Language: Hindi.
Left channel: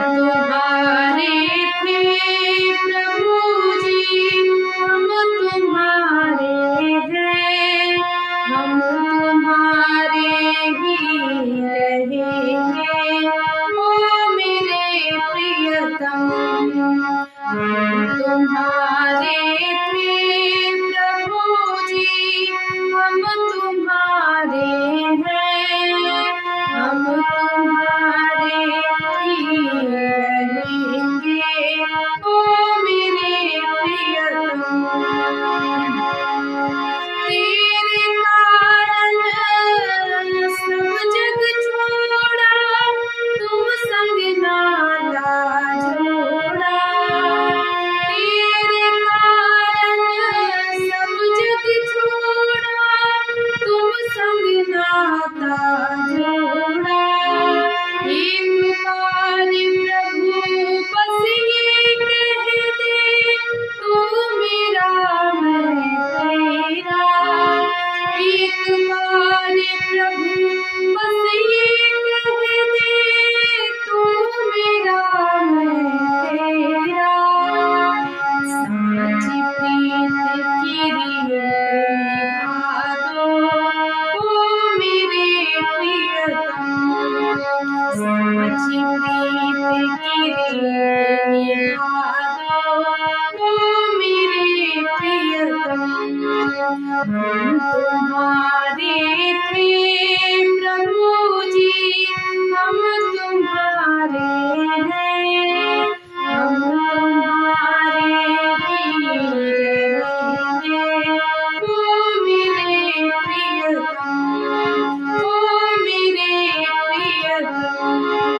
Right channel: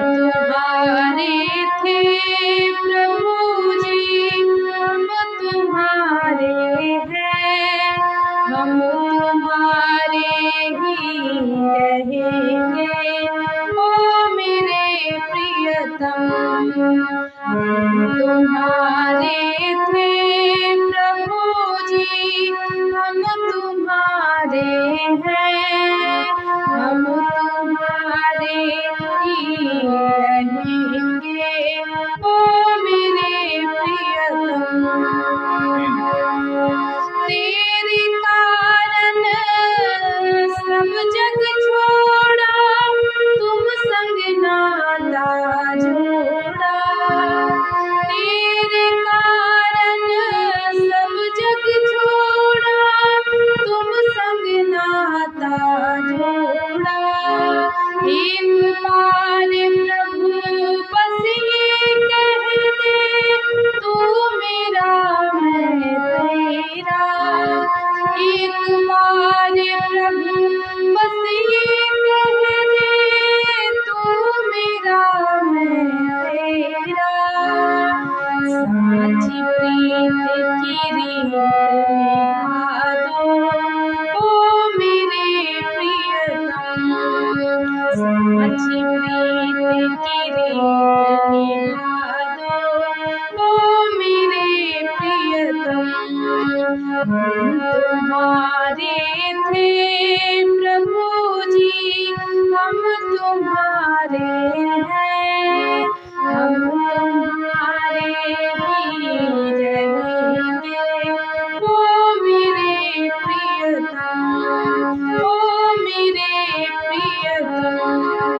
तुम्हारे थे प्रभु जी, हम तुम्हारे हैं, हम तुम्हारे ही रहेंगे, ओ मेरे प्रियतम। तुम्हारे थे प्रभु जी, हम तुम्हारे हैं, हम तुम्हारे ही रहेंगे, ओ मेरे प्रियतम। तेरे कारण सब जग छोड़ा, तुम संग नाता जोड़ा। तेरे कारण सब जग छोड़ा, तुम संग नाता जोड़ा। एक बार प्रभु बस ये कह दे, तू मेरा मैं तेरा। एक बार प्रभु बस ये कह दे, तू मेरा मैं तेरा। साची प्रीत की रीत निभा दो, ओ मेरे प्रियतम। साची